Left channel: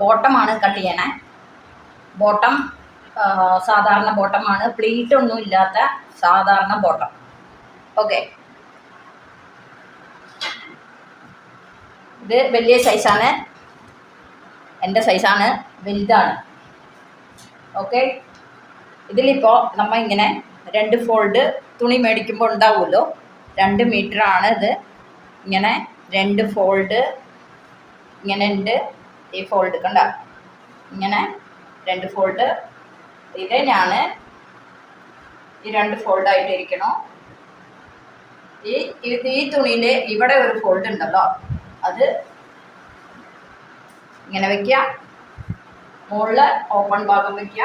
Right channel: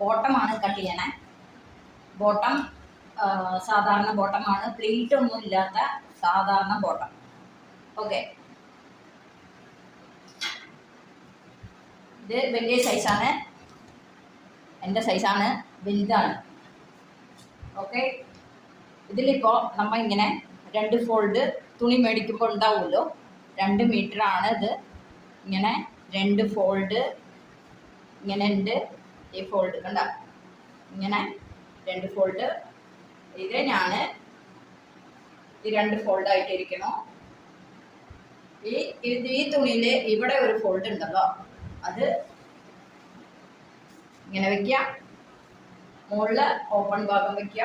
ബോട്ടമാണ് cut ചെയ്യണേ. Bottom സാധാരണ ബോട്ടമാണ്, pleat ഒന്നും ഇല്ലാത്ത സാധാരണ ബോട്ടം. ഓക്കെ, ഇത് വലിയ സൈസാണ്, എൻ്റെ സൈസാണ്, വലുതാണ്. ഓക്കെ, ഇതിലിപ്പോൾ നമ്മൾ ഇങ്ങനെ 2 ഫോൾഡ് തുണി മേടിക്കുമ്പോൾ ഉണ്ടാവുമല്ലോ, 2 മീറ്ററാണ് ഇത്. ഇങ്ങനെ 2 ഫോൾഡ് ഇങ്ങനെ ഉണ്ട്. ഈ ഫോൾഡ് കണ്ട, ഇങ്ങനെ 2 ഫോൾഡ്. ഇത് ഞാൻ ഈ 2 ഫോൾഡായിട്ടിരിക്കണോ. ഈ തുണിയിൽ ഇവിടെ ഒരു ഫോൾഡ് ഉണ്ടല്ലോ, അത് ഇങ്ങനെ വെക്കുക. മുകളിൽ ഓപ്പൺ ഭാഗം വെക്കുക.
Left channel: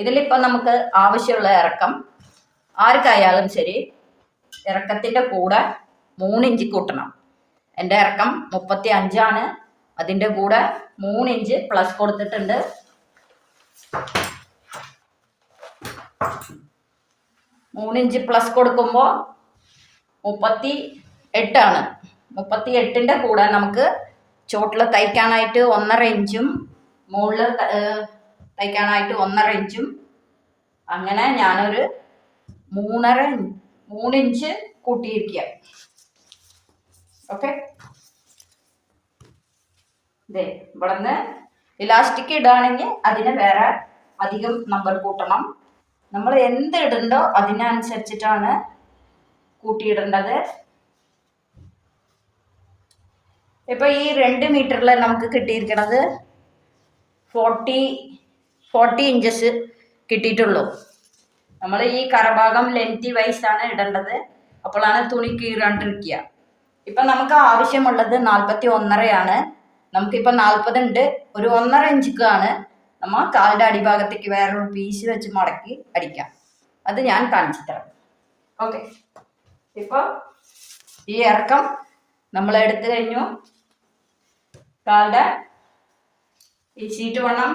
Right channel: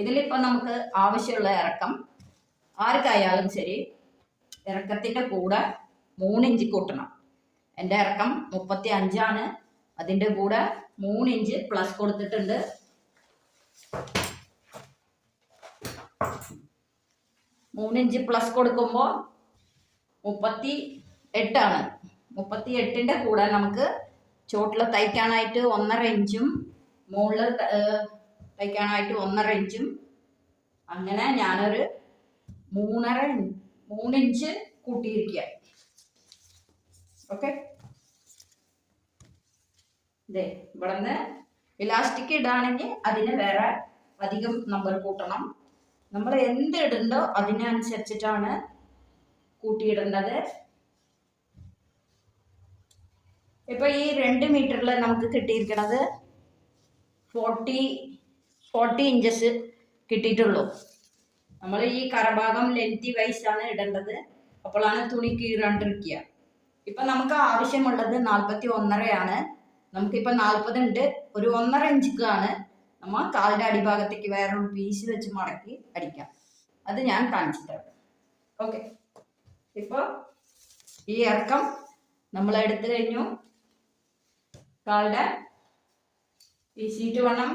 ഇതിലിപ്പോൾ നമുക്ക് ആവശ്യമുള്ള ഇറക്കം ആർക്കായാലും ശരി, ഇറക്കത്തിൻ്റെ കൂടെ 3 ഇഞ്ച് കൂട്ടണം. എൻ്റെ ഇറക്കം 35 അതിൻ്റെ കൂടെ 3 ഇഞ്ച് പ്ലസ് കൊടുത്തിട്ടുണ്ട്. 3 ഇഞ്ച് പ്ലസ് കൊടുക്കുമ്പോൾ 38. 38ൻ്റെ കൂടെ നമുക്ക് ചോട്ടിൽ തയ്ക്കാനായിട്ട് 1.5 ഇഞ്ചും മുകളിൽ തയ്ക്കാനായിട്ട് 1.5 ഇഞ്ചും, അങ്ങനെ ഞാനൊരു 3 ഇഞ്ച് കൂട്ടിയിരിക്കുക. ഓക്കെ, ഇതേ ഇവിടെ നിന്ന് ഇലാസ്റ്റിക് ഇടുകയാണെങ്കിൽ അതിന് വേറെ അധികം നമ്പർ കൂട്ടണം. നമ്മൾ എന്ത് ഇടണ്ടോ അതിനനുസരിച്ചിട്ടാണ് കൂട്ടിയിടേണ്ടത്. ഇപ്പൊ ഈ 2 മീറ്ററിൽ നമുക്ക് കിട്ടിയിരിക്കണത് 40 ഇഞ്ചസ് കിട്ടിയിട്ടുള്ളൂ. നമ്മൾ ഈ കരഭാഗം ലെങ്തി വൈസാണ് ഇടേണ്ടത്, അപ്പോഴാണ് തുണി കീറാണ്ടിരിക്കുക. ഇപ്പം നമുക്ക് ആവശ്യമുള്ളത് 41.5 നമുക്കിപ്പോൾ 40 ഉണ്ട്. ഒരു 1.5 ഇഞ്ചിക്കാണ് നമ്മൾ കാലിൻ്റെ അടിഭാഗത്തേക്ക് വേറൊരു പീസ് വെച്ച് മടക്കി അടിക്കാം. അത് ഞാൻ കാണിച്ചു തരാം. ഓക്കെ, ഇപ്പോൾ ഈ ഇറക്കം നമ്മൾ എടുത്തു കഴിഞ്ഞു. കാലിൻ്റെ ഈ ഷീറ്റ് വണ്ണം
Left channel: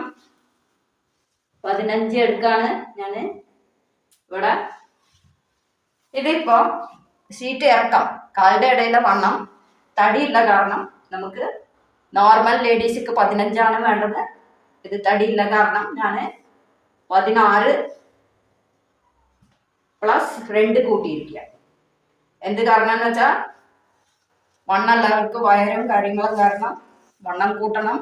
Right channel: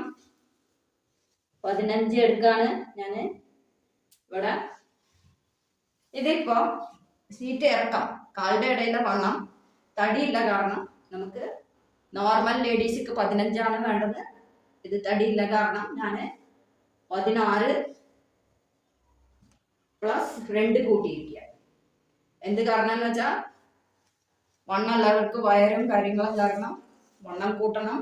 15 എടുക്കാണ് ഞാൻ ഇവിടെ. ഇതിപ്പോൾ ഷീറ്റ് ഇറക്കം കാലിൻ്റെ ഇടയിലെ വണ്ണം തടിയുള്ള കാരണം നമുക്ക് നോർമൽ ലേഡീസിക്ക് 15 വേണ്ടത്. ഇത് തടിയുള്ള കാരണം ഞാൻ 16 പ്ലസ് 2 കൂട്ടിയിരിക്കുക. എന്ത് കാരണം എന്ന് വെച്ചാൽ വണ്ണമുള്ളവർക്ക് വയറും കാര്യങ്ങളും കാരണം വണ്ണം കൂട്ടണം.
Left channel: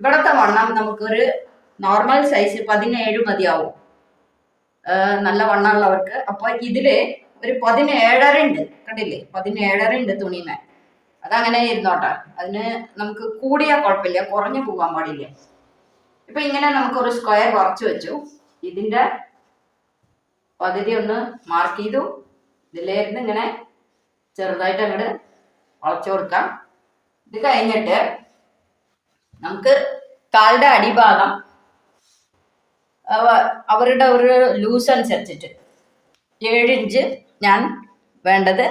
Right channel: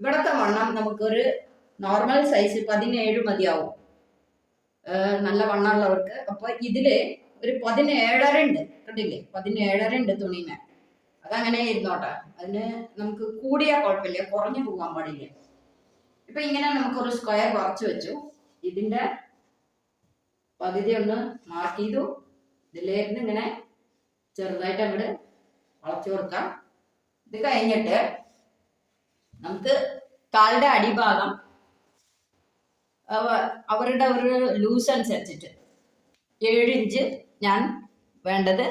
ഇവിടുത്തെ വണ്ണം നമുക്കൊരു നോർമൽ സൈസ് 17 മതിയാവും നല്ല വണ്ണമുള്ളവർക്ക്. അപ്പോൾ ഇതിൽ ഒരു 17.5 ഉണ്ട്, കണ്ടില്ലേ, 17.5 ഉണ്ട് തുണിമേ. അതങ്ങനെ ഇരുന്നോട്ടെ, അതിന് നമുക്ക് കൂടിയാൽ കുഴപ്പമില്ല, കുറഞ്ഞു പോകാൻ പാടില്ല. ഇപ്പം ഇങ്ങനെ നമുക്കൊരു സ്ക്വയർ കുറച്ച് വെച്ചു. ഇതിൻ്റെ പകുതി ഒന്ന് മാർക്ക് ചെയ്തു. ഇതിലേന്ന് ഇങ്ങനെ ചെറുതായിട്ട് അങ്ങോട്ട് വളച്ചു കൊടുക്കാം. ഇത് കഴിഞ്ഞിട്ട് നമുക്ക് കാലിൻ്റെ അടിഭാഗം അവരുടെ ഒരു ലൂസ് അനുസരിച്ചിട്ട് 7 ഇഞ്ച് ഞാൻ വേണ്ടത്,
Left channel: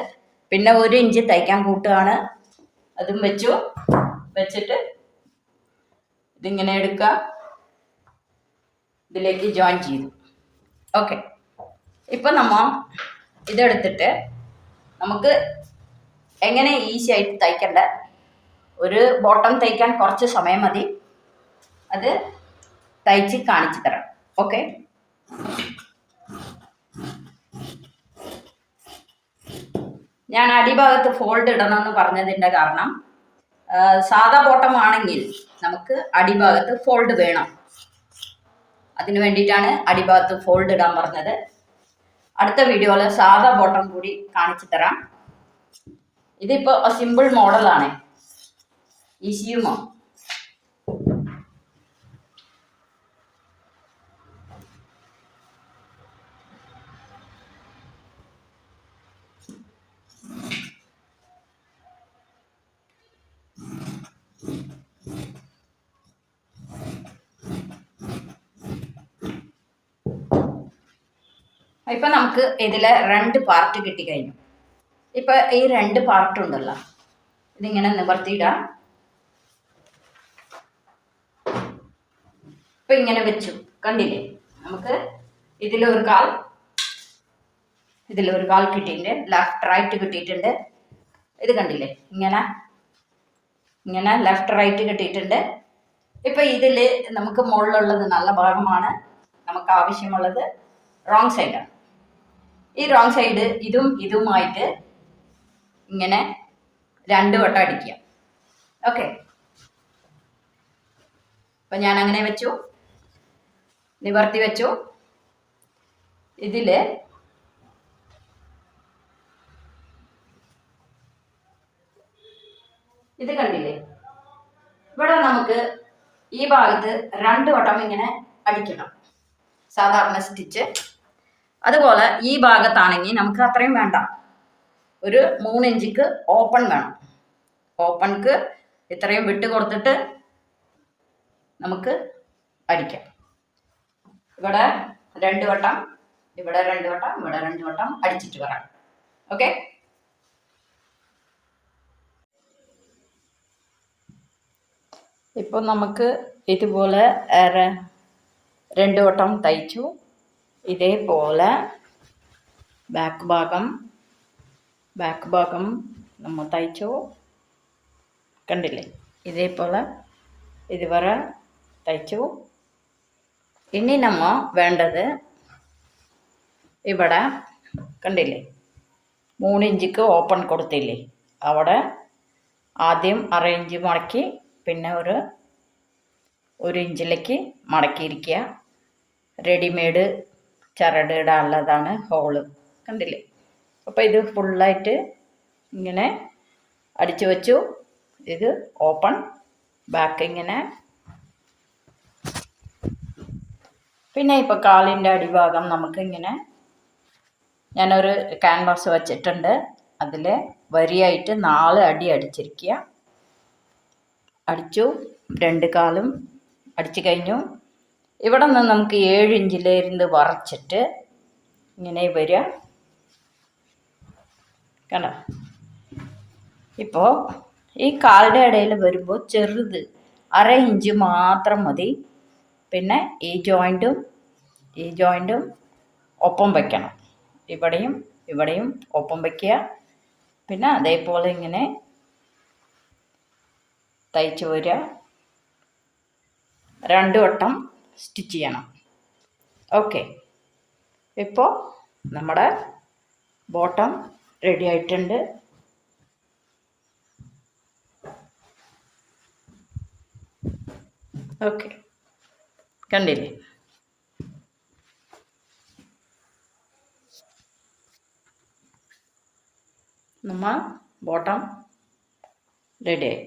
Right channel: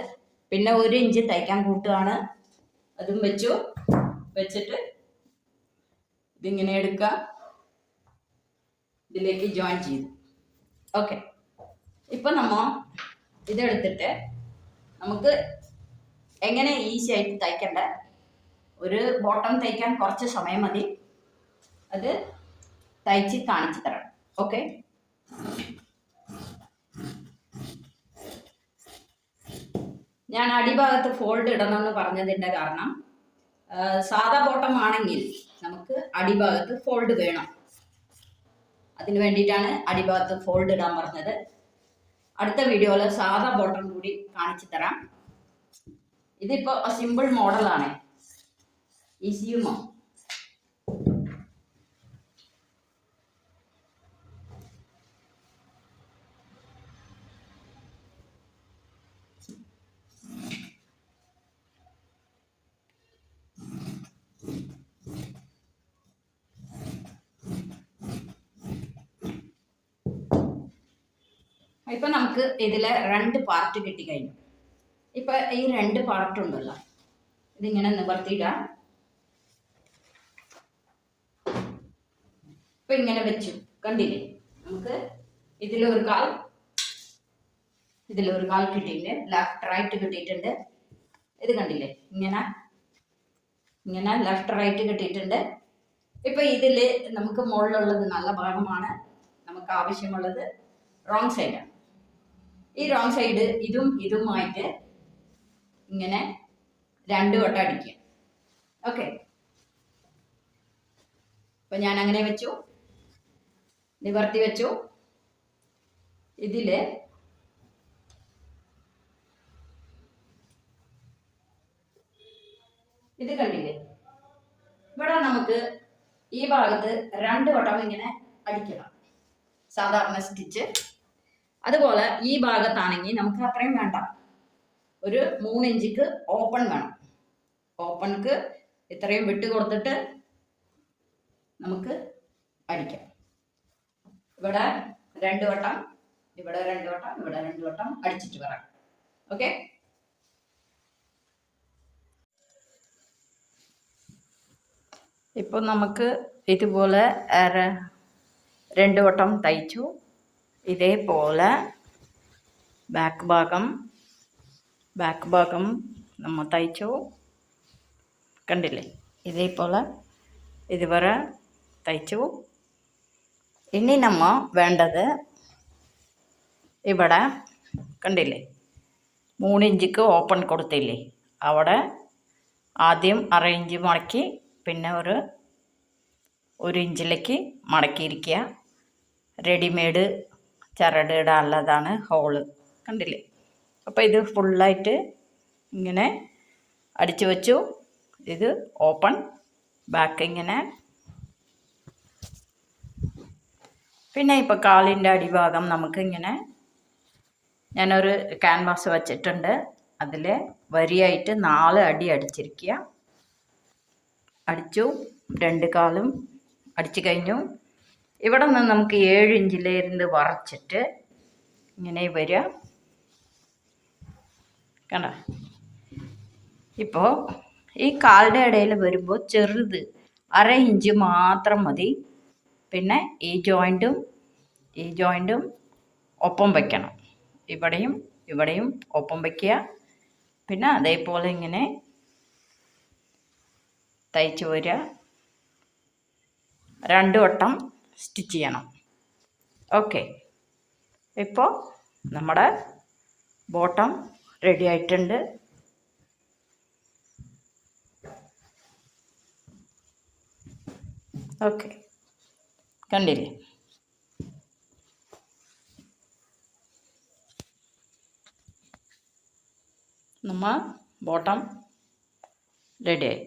പിന്നെ 1 ഇഞ്ച് തയ്ക്കാൻ കൂട്ടുകയാണ്. അതും വെച്ചിട്ട് ഇതിങ്ങനെ എടുക്കുക, ഇതിലേക്ക് ജോയിൻ ചെയ്തു. ഓക്കെ, ഇപ്പം നമ്മൾ ഇതെടുത്തിട്ട് നമുക്ക് എങ്ങനെ ഈസി ആയിട്ട് തയ്ക്കണ്ട, ഒരു ബോട്ടം തയ്ക്കാൻ കുറച്ച് സമയം മതി, അത് തയ്ച്ച് കാണിച്ചു തരാം. ഓക്കെ, ഞാൻ അടിഭാഗത്ത് ഫോൾഡ് ഇടണമെന്ന് പറഞ്ഞതിൻ്റെ കാരണം സാധാ ബോട്ടം ആണെങ്കിൽ നമുക്ക് അടിഭാഗത്ത് ഫോൾഡ് വേണം. അതിന് വേണ്ടിയിട്ടാണ് അടിഭാഗത്ത് ഫോൾഡ് ഇടാൻ പറഞ്ഞത്. അടുത്ത വീഡിയോയിൽ സാധാ ബോട്ടം കൂടി കാണിച്ചു തരാം. ഇതിപ്പോൾ സിമ്പിൾ മോഡലാണ്, ഈസിയുമോ. ഇപ്പം നമുക്ക് ഇതിലെ 2 പാർട്ട് കിട്ടിക്കഴിഞ്ഞു. ഇപ്പം ഈ 2 പാർട്ട് ഉണ്ടല്ലോ, ഇതിങ്ങനെ നിവർത്തിയിടാം. ഇപ്പം ഇങ്ങനെ വെച്ചു, കണ്ടില്ലേ, നമുക്ക് ഇതിലൊരു കാൽ കിട്ടിയിട്ടുണ്ട്, ലെഫ്റ്റ് റൈറ്റ് കിട്ടിയിട്ടുണ്ട്. ഇത് കണ്ടില്ലേ, ഇങ്ങനെ ലെഫ്റ്റ് റൈറ്റ് കിട്ടിയിട്ടുണ്ട്. ഇപ്പൊ ഇതിൽ നമുക്ക് മുകളിലുള്ളത് നല്ല ഭാഗമാണ്, നമുക്ക് ആവശ്യമുള്ളത് റോങ് സൈഡാണ്. ഈ റോങ് സൈഡ് ഇതുമായിട്ട് ഇങ്ങനെ 2 വട്ടം അടിക്കുക. ഓക്കെ, അപ്പൊ ഞാൻ അങ്ങനെ വെച്ചു, നിവർത്തി വെച്ചു. ഇതില് ഇത് കണ്ടില്ലേ, ഇവിടെ നമുക്ക് ഈ ഭാഗത്ത് 2 വട്ടം ഇങ്ങനെ അടിക്കണം, സാധാരണ സ്റ്റിച്ച്. അതുപോലെ ഈ ഭാഗത്താണെങ്കിൽ നമുക്ക് അത്രയും വേണ്ട, ഒരു 3 ഇഞ്ചിക്ക് ഓപ്പൺ വേണം. ഓപ്പൺക്ക് ഇത്രയും വിട്ട് കൊടുത്തിട്ട് നമുക്ക് അടിക്കാം. ഇവിടെ 2 വട്ടം, ഇവിടെ 2 വട്ടം, ഇവിടെ 2 വട്ടം അടിച്ചിട്ട് വരാം. ഓക്കെ, ഇപ്പോൾ നമുക്ക് ഇതുപോലെ 2 വട്ടം തയ്ച്ചു. ഇതേപോലെ ബാക്ക് ഭാഗം നമ്മൾ തയ്ച്ചു. കണ്ടില്ലേ, ഇതേപോലെ ഇതുവരെ തയ്ച്ചു. ഇനി നമ്മൾ വേണ്ടത് ഇവിടെ കണ്ടില്ലേ, 3 ഇഞ്ചിക്ക് ഓപ്പൺ കൊടുത്തില്ലേ, അവിടെ ആദ്യം 1/2 ഇഞ്ച് മടക്കി, പിന്നെ ഒരു ഇഞ്ചിലേക്ക് മടക്കിയിരിക്കുക. റെഡിമെയ്ഡ് ചരട് ഇടാനുള്ളതാണ് ഹോള്, കണ്ടില്ലേ. അപ്പോൾ ഇത് ഫുള്ളായിട്ട് ഇങ്ങനെ അടിച്ചു വെച്ചു. ഇത് ഓപ്പൺ ബാക്ക് ഇങ്ങനെ. പിന്നെ ഇപ്പോൾ കാലിൻ്റെ അടിഭാഗം നമുക്ക് ഇങ്ങനെ, ഞാനൊരു ക്യാൻവാസ് വെച്ചിട്ടുണ്ട്, അതിൽ വരിയായിട്ട് 4 അടി അടിച്ചിരിക്കുക. അടിച്ചു, 2 കാലും അടിച്ചു കഴിഞ്ഞു. ഇവിടെ നിന്ന് നമുക്ക് 7 ഇഞ്ചിലിരുന്ന് വരച്ചിട്ട് ഇങ്ങനെ വരിക, കണ്ടോ. ഇപ്പോൾ ഈ കാലിൻ്റെ ഇടയിൽ വരുമ്പോൾ ചെറുത് 1/2 ഇഞ്ച് മാത്രം മതി. പിന്നെ ഈ ജോയിൻറ്റും ഒപ്പം വയ്ക്കണം, ഇവിടെയും ഒപ്പം വയ്ക്കുക. പിന്നെ അതേപോലെ ഇങ്ങനെ തയ്ച്ച് വരിക. 2 വട്ടം സ്റ്റിച്ച് ചെയ്യണം. ഓക്കെ, ഇപ്പോൾ നമ്മുടെ ബോട്ടം റെഡി ആയിട്ടുണ്ട്. ഓക്കെ, കണ്ടില്ലേ, നമ്മൾ ബോട്ടം റെഡിയായി.